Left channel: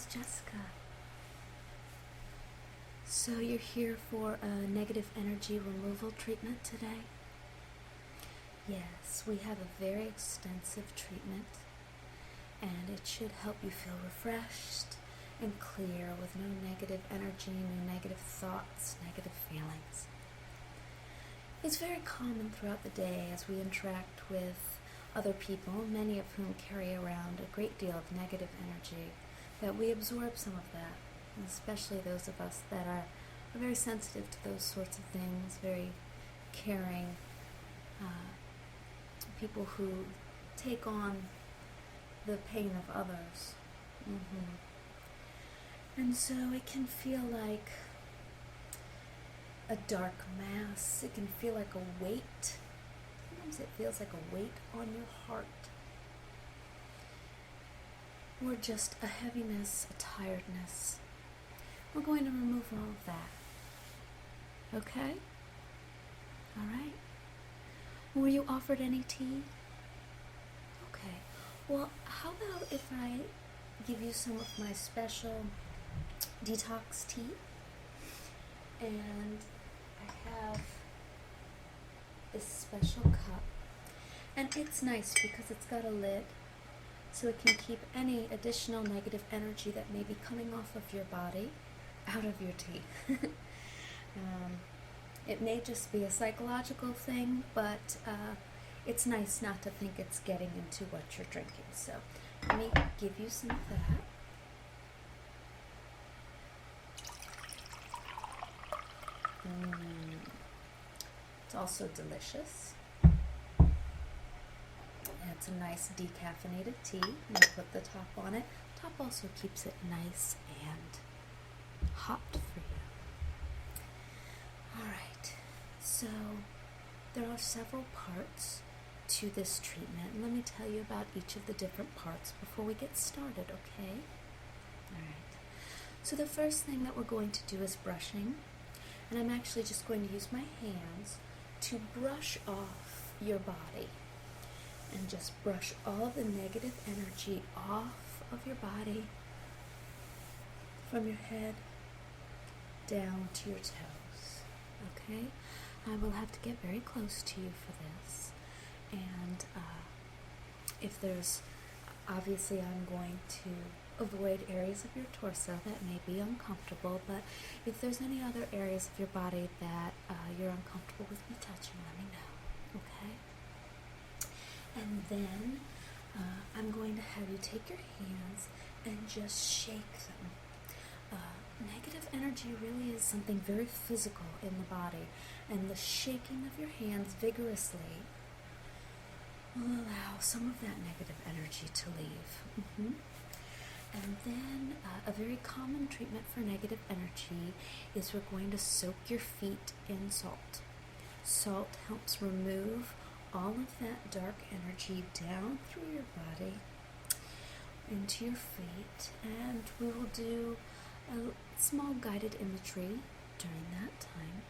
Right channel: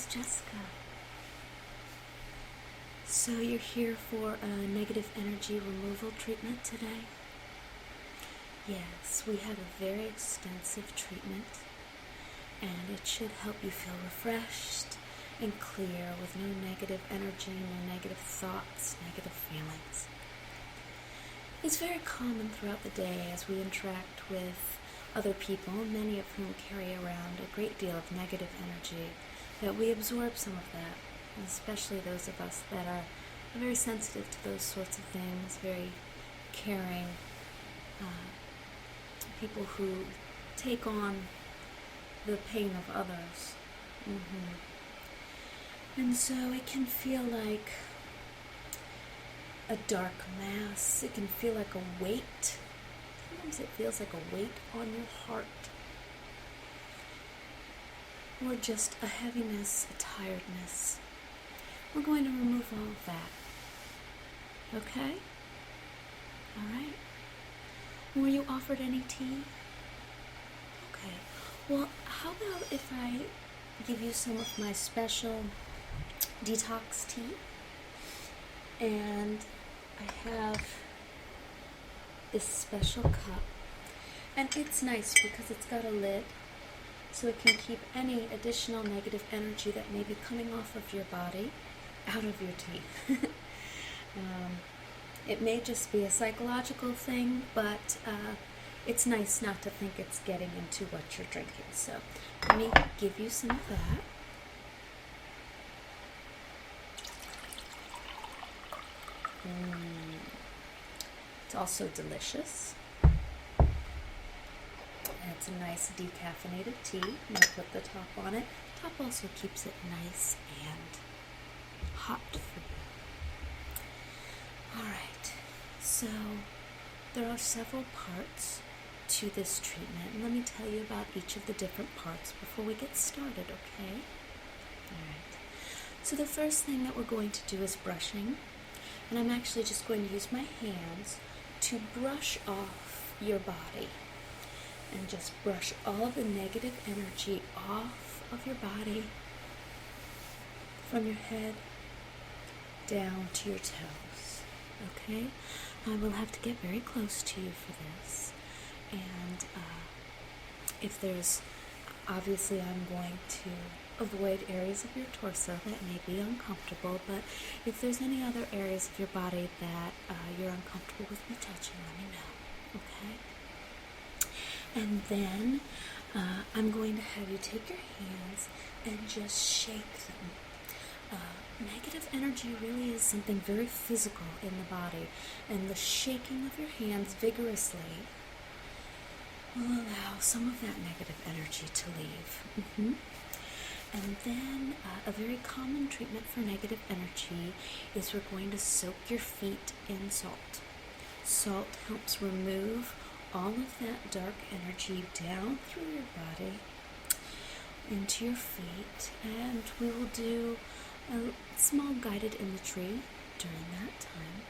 is Jessica. So you're here for a negative energy removal treatment today? Yes, we have a very extensive treatment, and it should help you feel refreshed and clear with no negative energy, no negative thoughts, negative feelings. It's very common throughout the day as we interact with other people, many of whom carry around a great deal of negative energy, that we absorb some of that, and especially those of us that are very sensitive to those sorts of things, very caring, people who take on the pain of others. And so it can feel like a dark mass. It can feel like a weight. Sometimes it feels like a weight on your heart. Or just a heaviness, a tiredness. We're going to remove all of that. Okay? All right? Were you offered any tea? Okay. Well, how about if I give you some of my special detox tea? And I have this special cup. And it's nice because it's got a lid, so it can keep any additional negative energy that may be coming off of your body out of your tea. It may just be a psychological thing, but it's nice not to think it's getting into what you're drinking. So let me give you some of that. It's also delicious. And it's a nice decaffeinated tea. I'm going to put the top on it. The top also keeps it nice and hot for you. Alright, so there are several parts to this treatment. And let me tell you about each of the different parts before we get started, okay? Alright, so the first thing that we're going to do is brushing. And I'm actually just going to use my hands to brush off your body. And just brush all the negative energy off of your body, from your head down to your toes. Okay? I will have to get very close to you for this. And if there's, obviously I'm going to avoid areas of your torso that may be uncomfortable, but if there's any other areas of your body that you're uncomfortable with me touching, let me know, okay? And then I'm going to have you take your hands and just shake them. Negative energy really is something very physical in the body, and the shaking of your hands vigorously will allow some of that negative energy to leave. And then a very common treatment for negative energy is we're going to soak your feet in salt. Salt helps remove all of that dark energy down through your body into your feet, and we will do a small guided imagery during that time.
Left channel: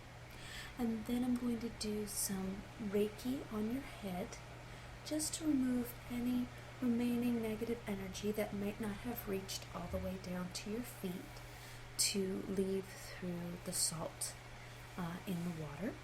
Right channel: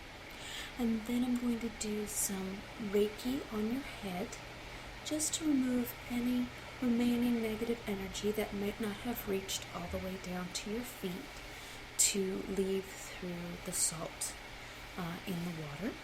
And then I'm going to do some Reiki on your head just to remove any remaining negative energy that might not have reached all the way down to your feet to leave through the salt in the water.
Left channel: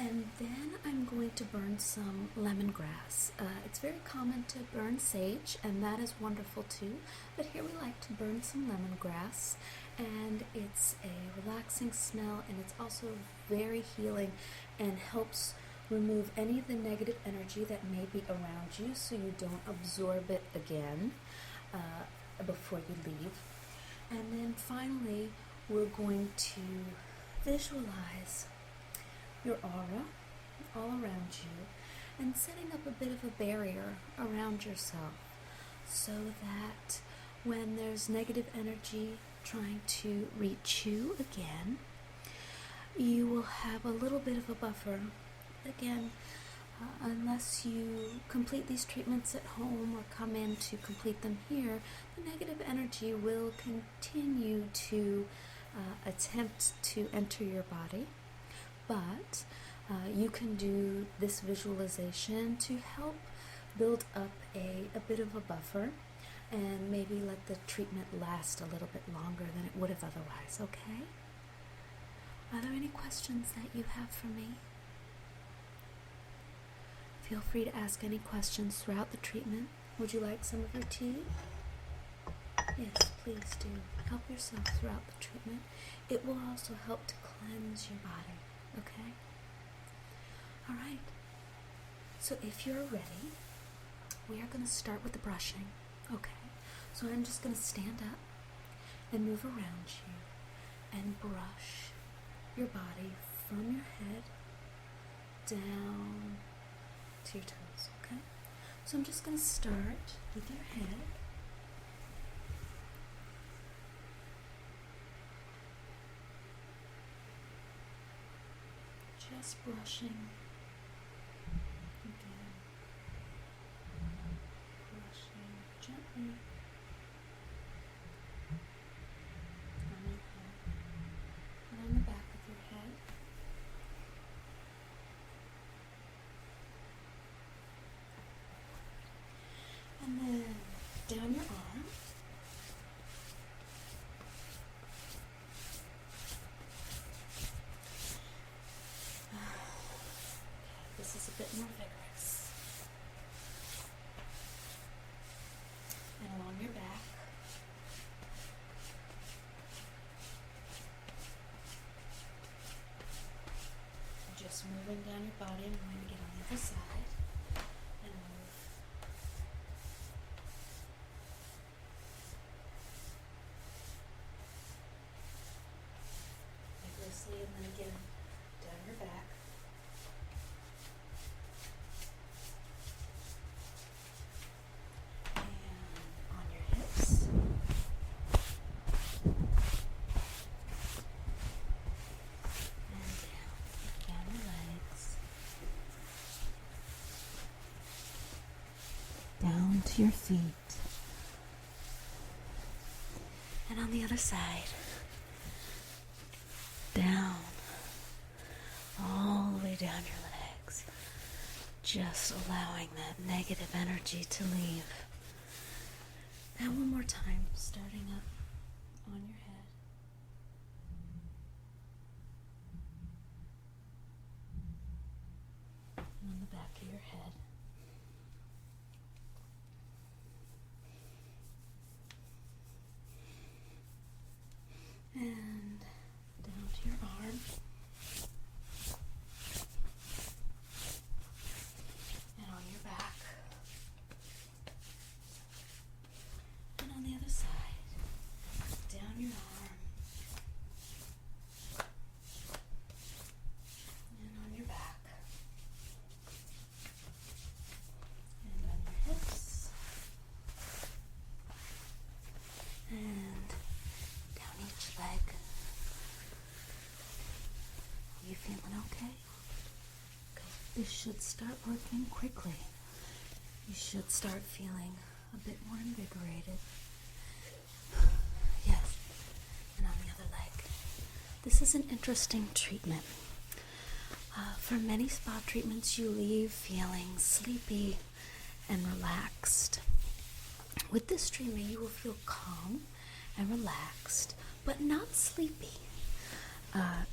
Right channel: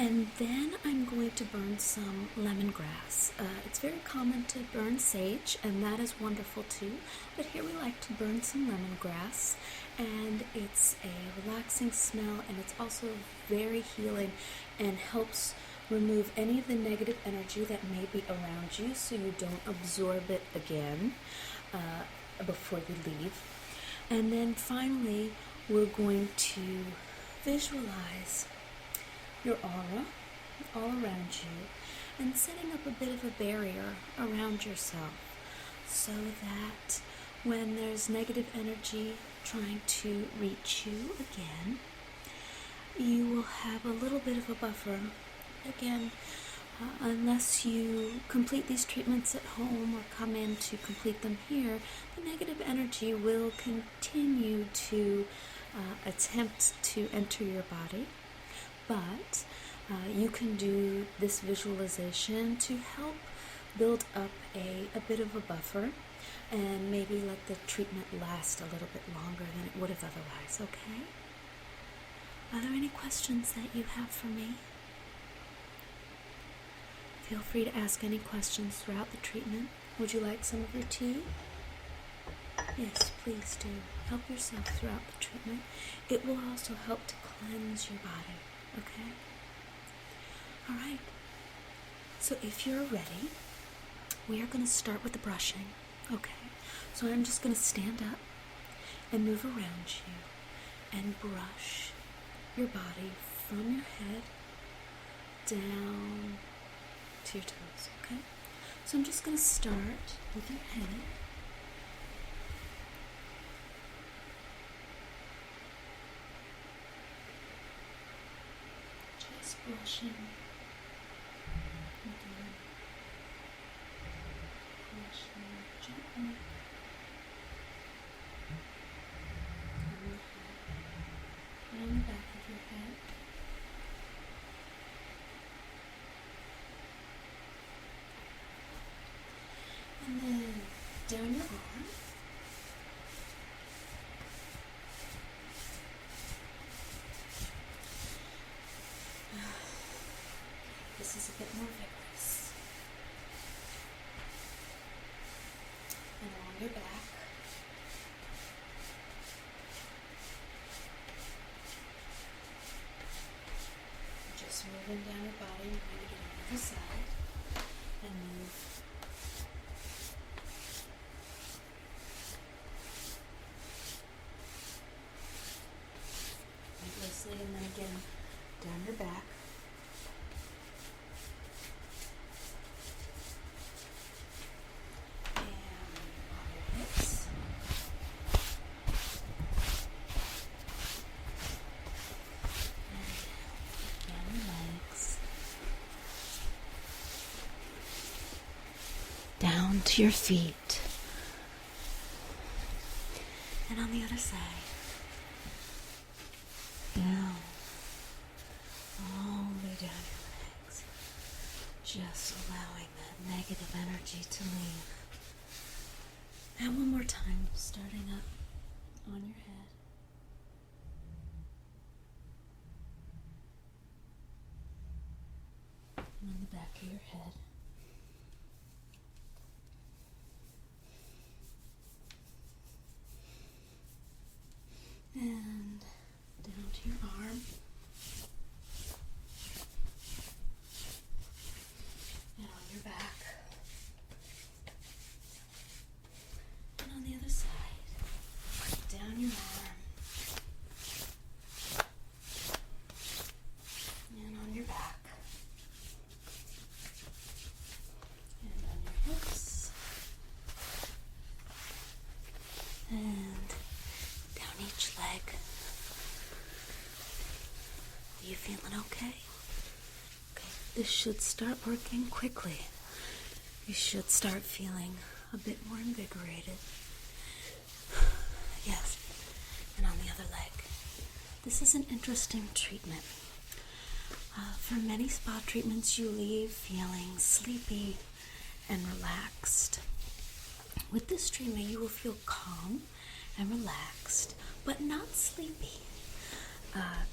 And then I'm going to burn some lemongrass. It's very common to burn sage, and that is wonderful too, but here we like to burn some lemongrass, and it's a relaxing smell, and it's also very healing and helps remove any of the negative energy that may be around you so you don't absorb it again before you leave. And then finally, we're going to visualize your aura all around you and setting up a bit of a barrier around yourself so that when there's negative energy trying to reach you again, you will have a little bit of a buffer. Again, unless you complete these treatments at home or come in to complete them here, the negative energy will continue to attempt to enter your body. But you can do this visualization to help build up a bit of a buffer and maybe let the treatment last a little bit longer than it would have otherwise, okay? Are there any questions that you have for me? Feel free to ask any questions throughout the treatment. Would you like some of your tea? Yes, please do. Help yourself throughout the treatment. It will also help to cleanse your body, okay? All right. So if you're ready, we are going to start with the brushing, okay? So I'm just going to stand up and move around you and brush your body from your head down to your toes, okay? So I'm just going to start with your head. Just brushing. Brushing gently on your head and on the back of your head. And then down your arm. This is a bit more vigorous. And along your back. Just moving down your body and going to get on the other side. And move. Vigorously, and then again down your back. Down to your feet, and on the other side, down, all the way down your legs, just allowing that negative energy to leave. And one more time, starting up on your head. And on the back of your head. And down to your arm. And on your back. And on the other side. Down your arm. And on your back. And on your hips. And down each leg. Are you feeling okay? This should start working quickly. You should start feeling a bit more invigorated. Yes, and on the other leg. This is an interesting treatment. For many spa treatments, you leave feeling sleepy and relaxed. With this treatment, you will feel calm and relaxed, but not sleepy.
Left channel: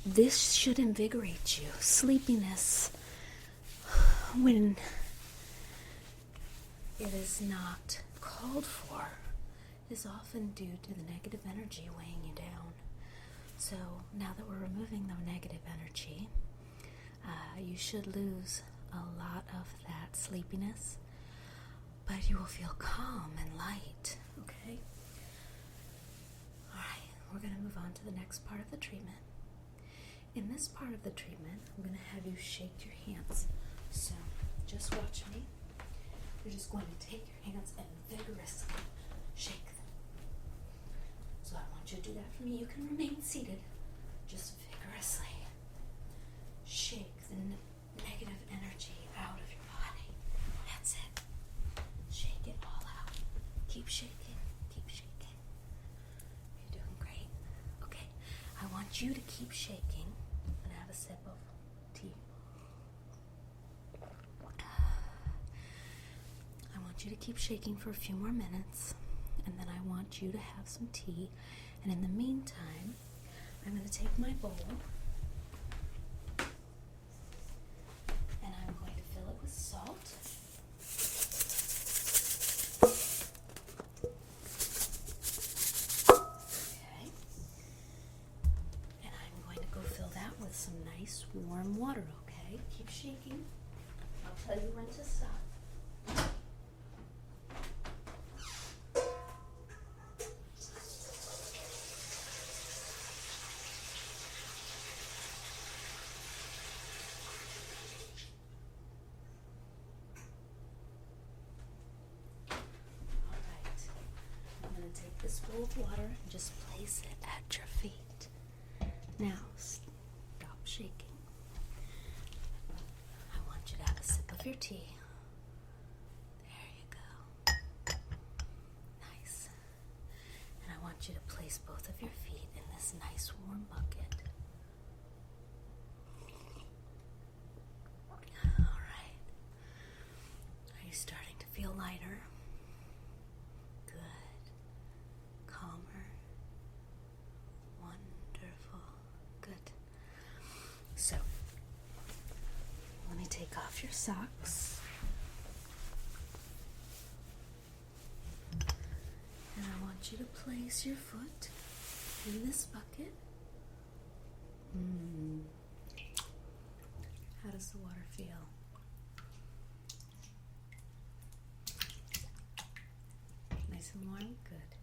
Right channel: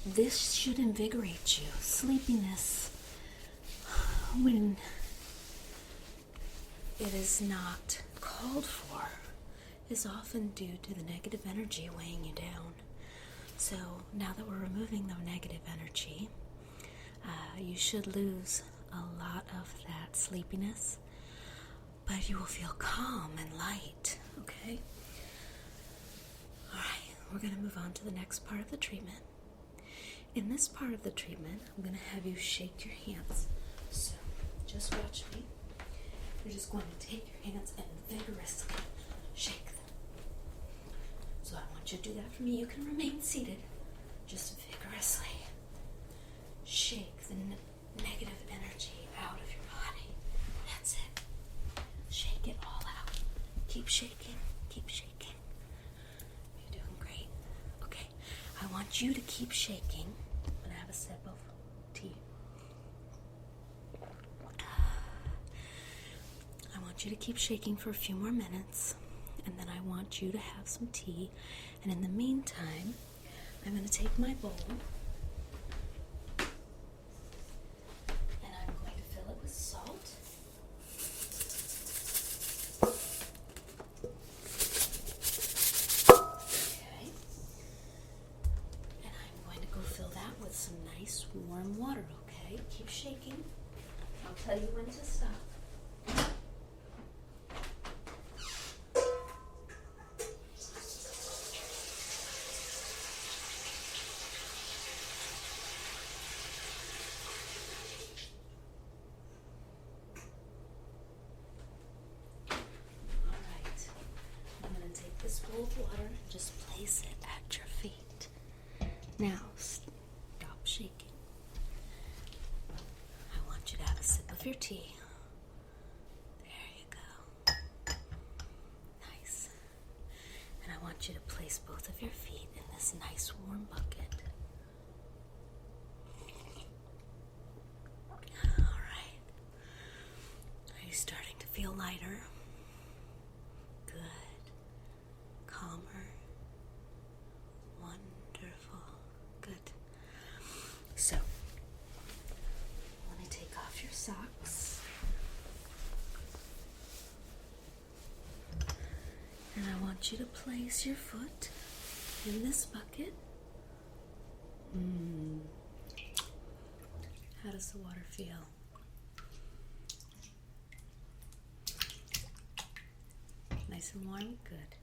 This should invigorate you. Sleepiness, when it is not called for, is often due to the negative energy weighing you down. So now that we're removing the negative energy, you should lose a lot of that sleepiness, but you will feel calm and light, okay? All right, we're going to move on to the next part of the treatment. In this part of the treatment, I'm going to have you shake your hands. So just watch me. You're just going to take your hands and vigorously shake them. So I want you to do that for me. You can remain seated. Just vigorously shake the negative energy out of your body. That's it. Shake it all out. Keep shaking. Keep shaking. You're doing great. Okay. I want you to keep shaking. I'm gonna have a sip of tea. I want you to keep shaking for a few more minutes. and then I want you to have some tea. And in the meantime, I'm going to take my bowl and I'm going to fill it with salt. Okay. And I'm going to go fill that with some nice warm water, okay? Keep shaking. I'll tell you when to stop. This bowl of water and just place it at your feet. Now, stop shaking. I want you to have a sip of your tea. There you go. Nice. And I want you to place both of your feet in this nice warm bucket. All right. Are you starting to feel lighter? Calmer. Wonderful. Good. So, let me take off your socks. And I want you to place your foot in this bucket. How does the water feel? Nice and warm? Good.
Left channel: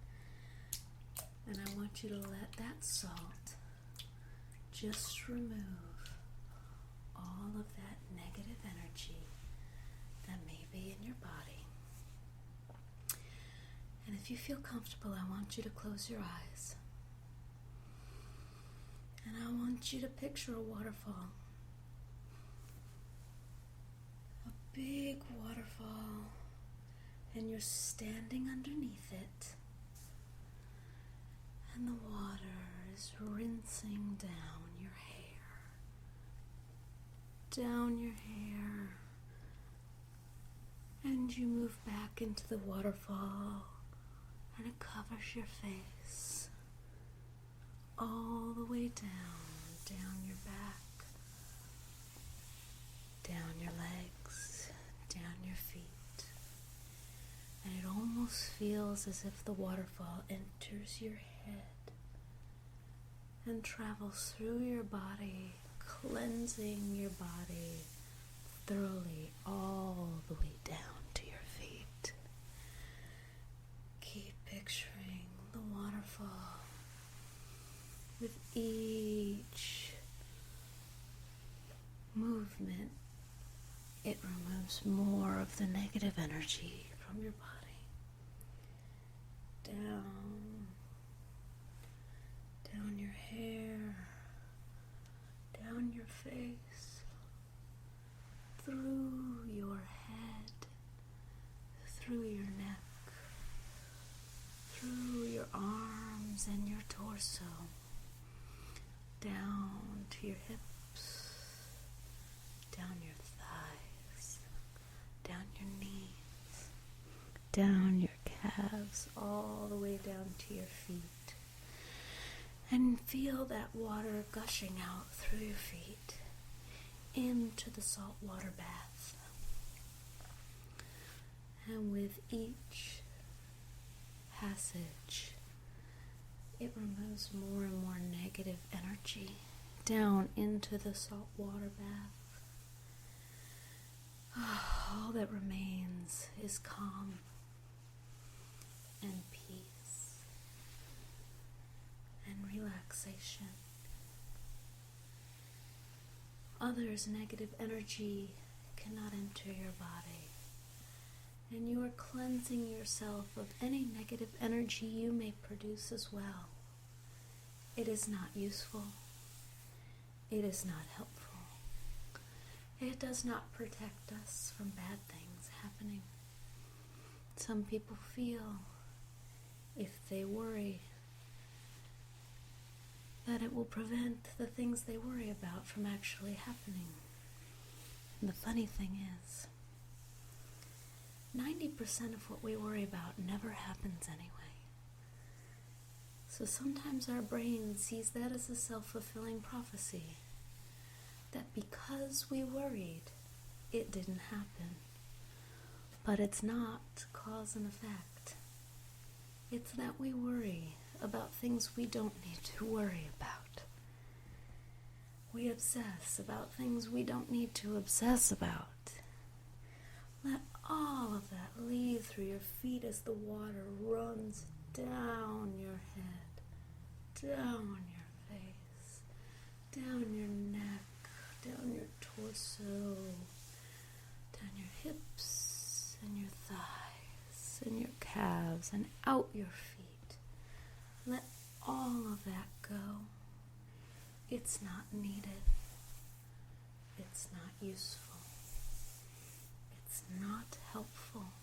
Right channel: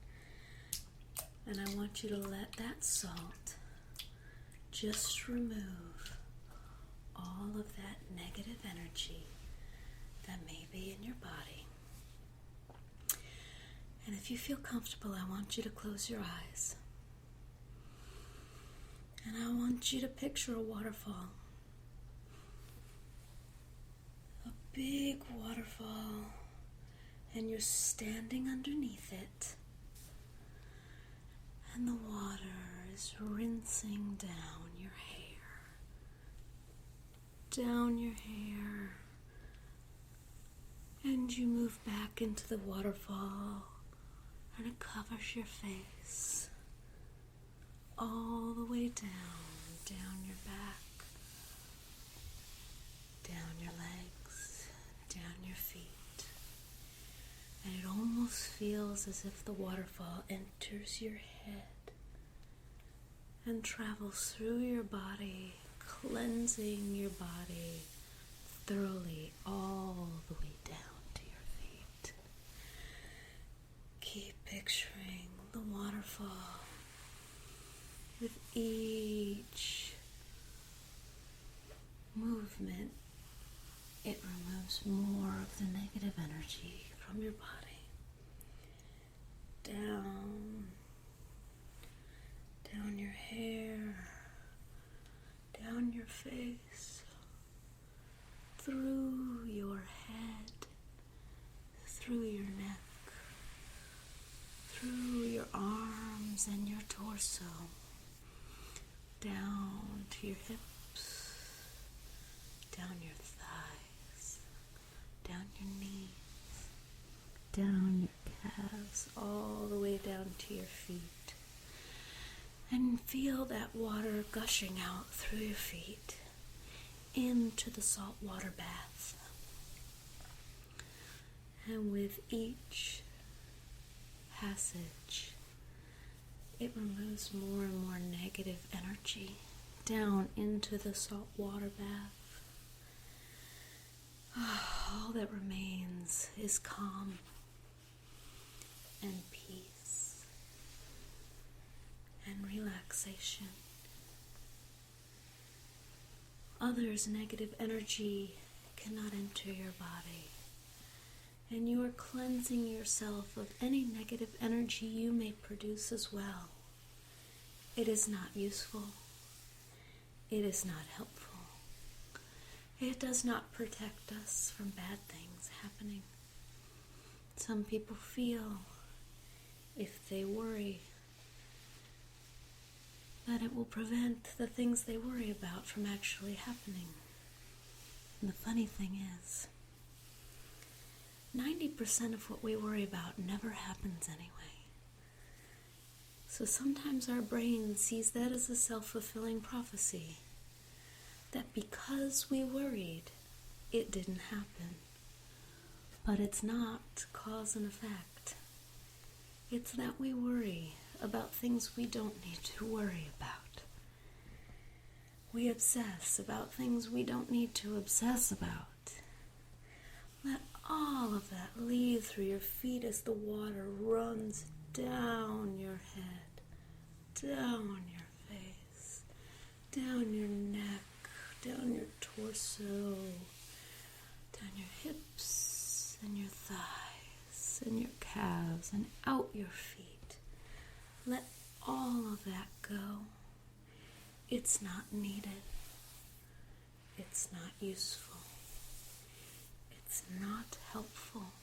And I want you to let that salt just remove all of that negative energy that may be in your body. And if you feel comfortable, I want you to close your eyes. And I want you to picture a waterfall. A big waterfall. And you're standing underneath it. And the water is rinsing down your hair. Down your hair. And you move back into the waterfall. And it covers your face. All the way down your back. Down your legs. Down your feet. And it almost feels as if the waterfall enters your head and travels through your body, cleansing your body thoroughly all the way down to your feet. Keep picturing the waterfall. With each movement, it removes more of the negative energy from your body. Down your hair, down your face, through your head, through your neck, through your arms and your torso, down to your hips, down your thighs, down your knees, down your calves, all the way down to your feet. And feel that water gushing out through your feet into the salt water bath. And with each passage, it removes more and more negative energy down into the salt water bath. All that remains is calm and peace and relaxation. Others' negative energy cannot enter your body, and you are cleansing yourself of any negative energy you may produce as well. It is not useful. It is not helpful. It does not protect us from bad things happening. Some people feel if they worry that it will prevent the things they worry about from actually happening. And the funny thing is, 90% of what we worry about never happens anyway. So sometimes our brain sees that as a self-fulfilling prophecy, that because we worried, it didn't happen. But it's not cause and effect. It's that we worry about things we don't need to worry about. We obsess about things we don't need to obsess about. Let all of that leave through your feet as the water runs down your head, down your face, down your neck, down your torso, down your hips and your thighs and your calves and out your feet. Let all of that go. It's not needed. It's not useful. It's not helpful.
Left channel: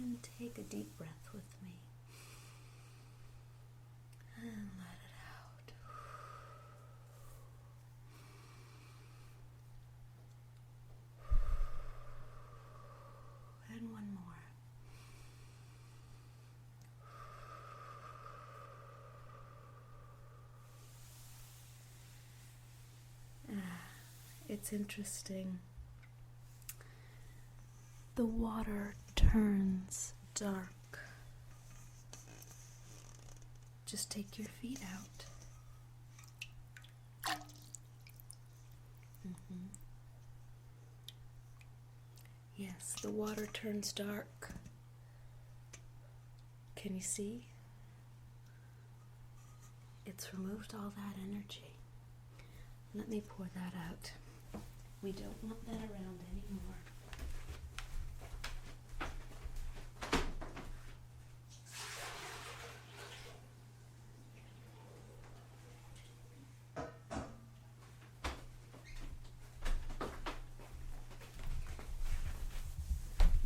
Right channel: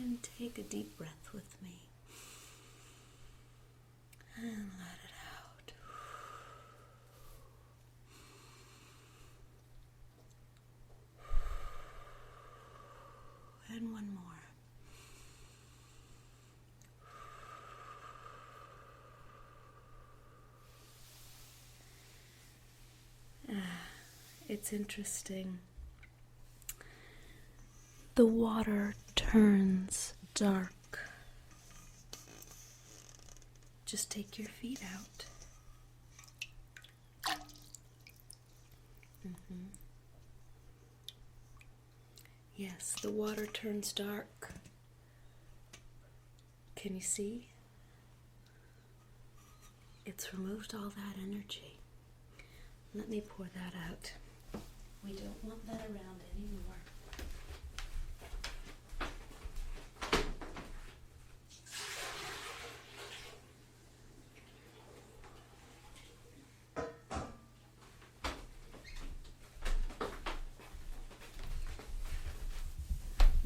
And take a deep breath with me. And let it out. And one more. It's interesting. The water turns dark. Just take your feet out. Yes, the water turns dark. Can you see? It's removed all that energy. Let me pour that out. We don't want that around anymore.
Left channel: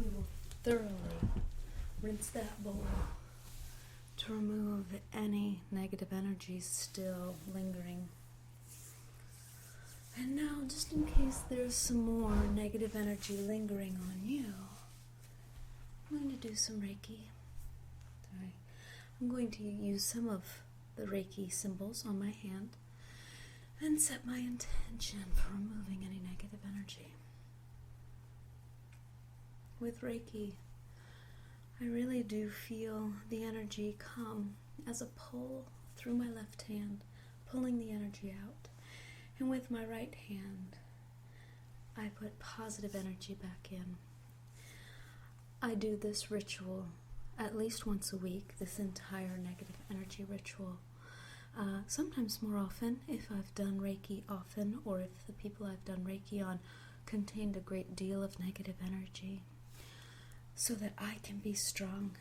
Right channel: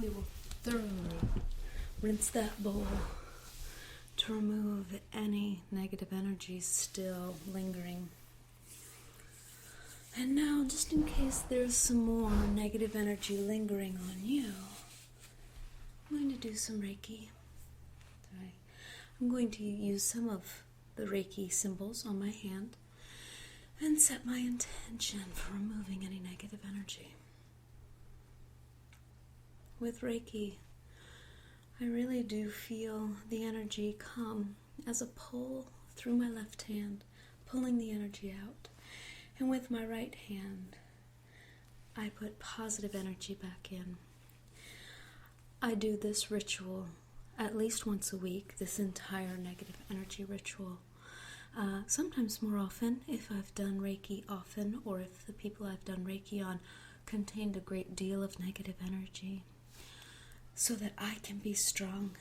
We will thoroughly rinse that bowl to remove any negative energy still lingering. And now, just in case there's some more negative energy lingering on you, I'm going to do some Reiki. I'm going to use some of the Reiki symbols on my hand and set my intention for removing any negative energy. With Reiki, I really do feel the energy come as a pull through my left hand, pulling the energy out. And with my right hand, I put positive energy back in. I do this ritual at least once a week, this entire negative energy ritual. Sometimes more often if I've done Reiki often, or if the people I've done Reiki on contained a great deal of negative energy, so that I can be strong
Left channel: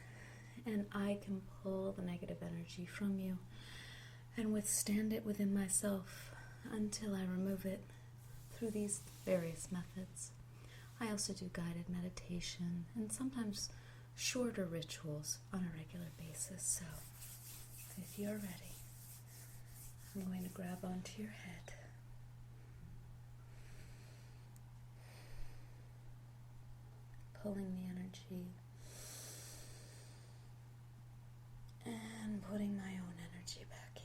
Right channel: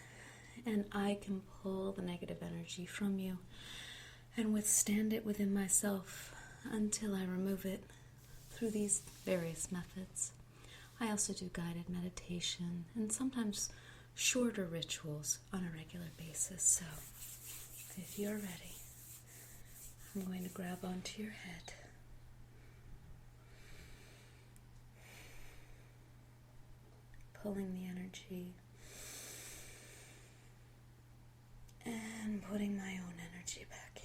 and I can pull the negative energy from you and withstand it within myself until I remove it through these various methods. I also do guided meditation and sometimes shorter rituals on a regular basis. So if you're ready, I'm going to grab onto your head. Pulling the energy and putting my own energy back in.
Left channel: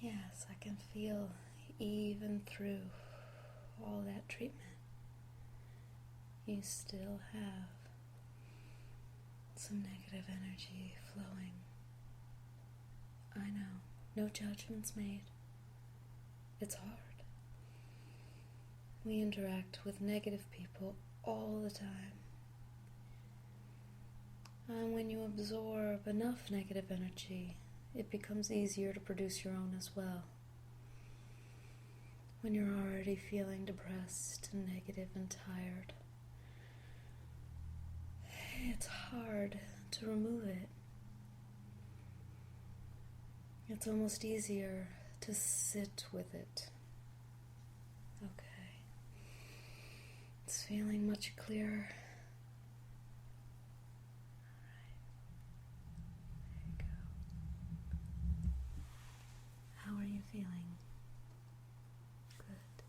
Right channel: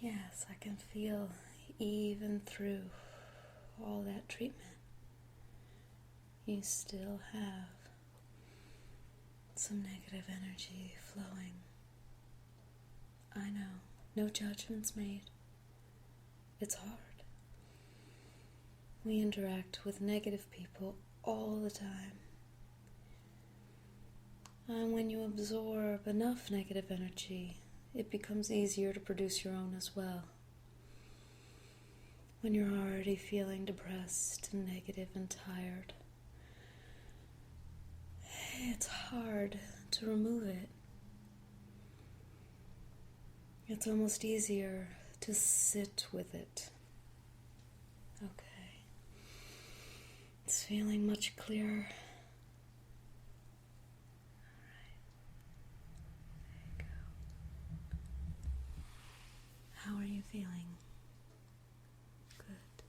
Yes, I can feel even through all that treatment, you still have some negative energy flowing. I know, no judgments made. It's hard. We interact with negative people all the time. And when you absorb enough negative energy, it becomes easier to produce your own as well. When you're already feeling depressed and negative and tired, it's hard to remove it. It's almost easier to sit with it. Okay. It's feeling much clearer. How are you feeling? Good.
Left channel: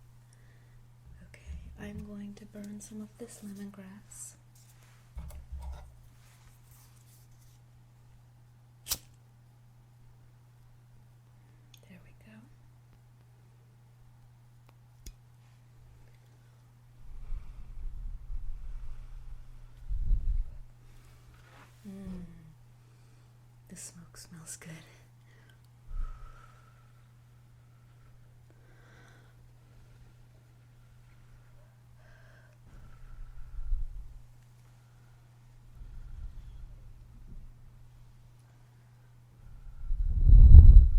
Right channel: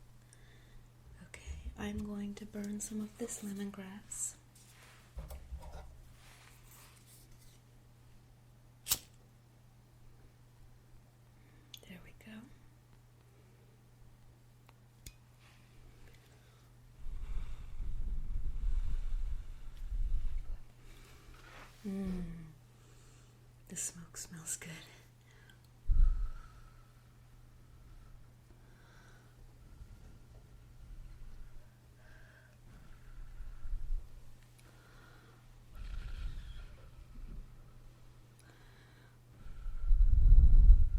Okay, I'm going to burn some of this lemongrass. There we go. The smoke smells good.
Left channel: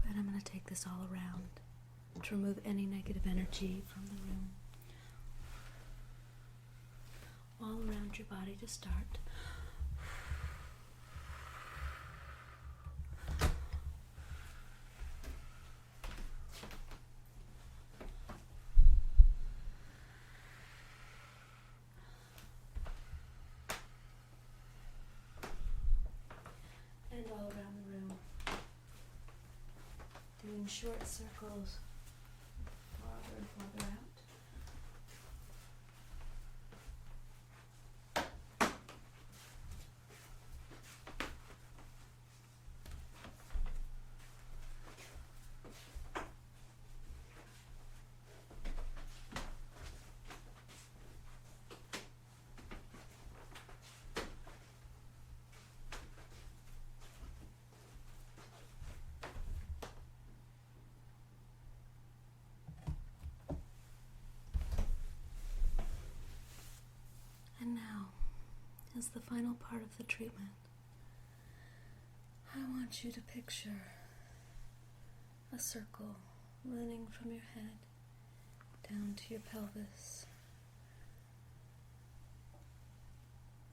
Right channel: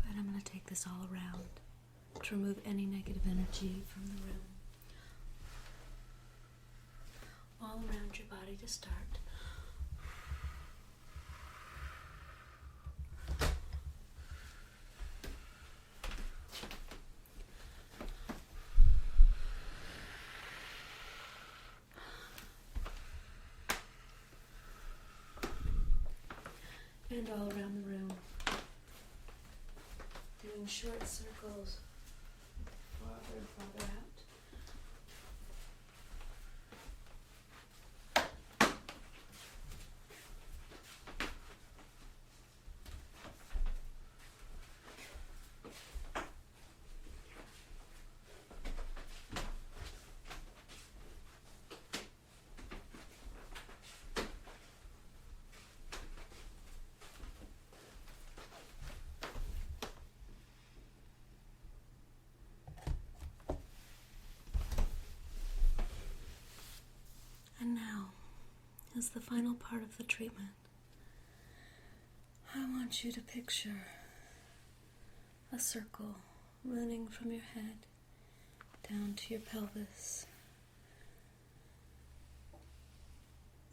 And I'm going to take this all around to remove any negative energy from the room. All around your body to start. And all around the room, doing short circles farther and farther out. And now, as the final part of the treatment, I want you to picture a circle running from your head down to your pelvis.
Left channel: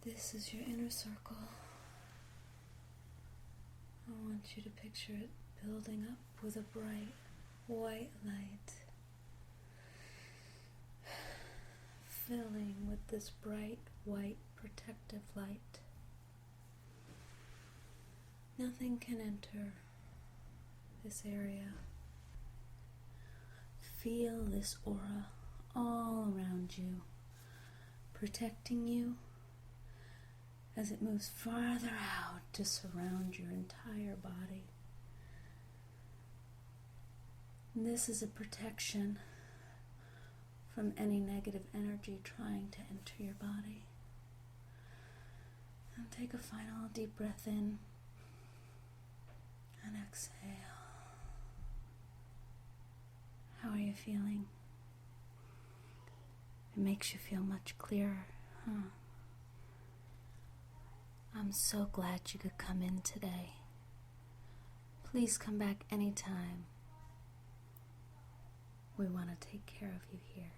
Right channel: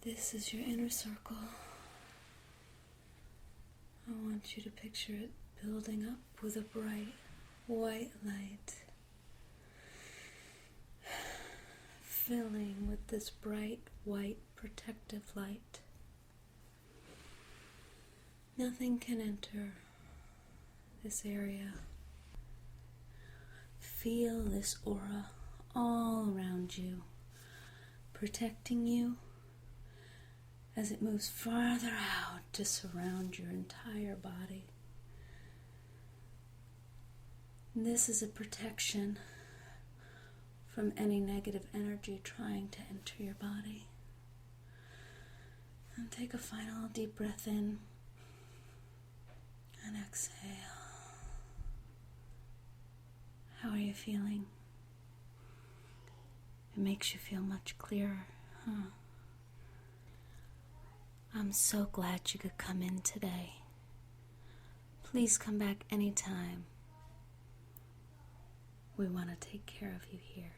This is your inner circle. I want you to picture it building up with a bright white light, filling with this bright white protective light. Nothing can enter this area. Feel this aura all around you, protecting you as it moves farther out to surround your entire body. This is a protection from any negative energy trying to enter your body. And take a final deep breath in and exhale. How are you feeling? It makes you feel much clearer, huh? I'm so glad you could come in today. Please come back anytime. We want to take care of you here.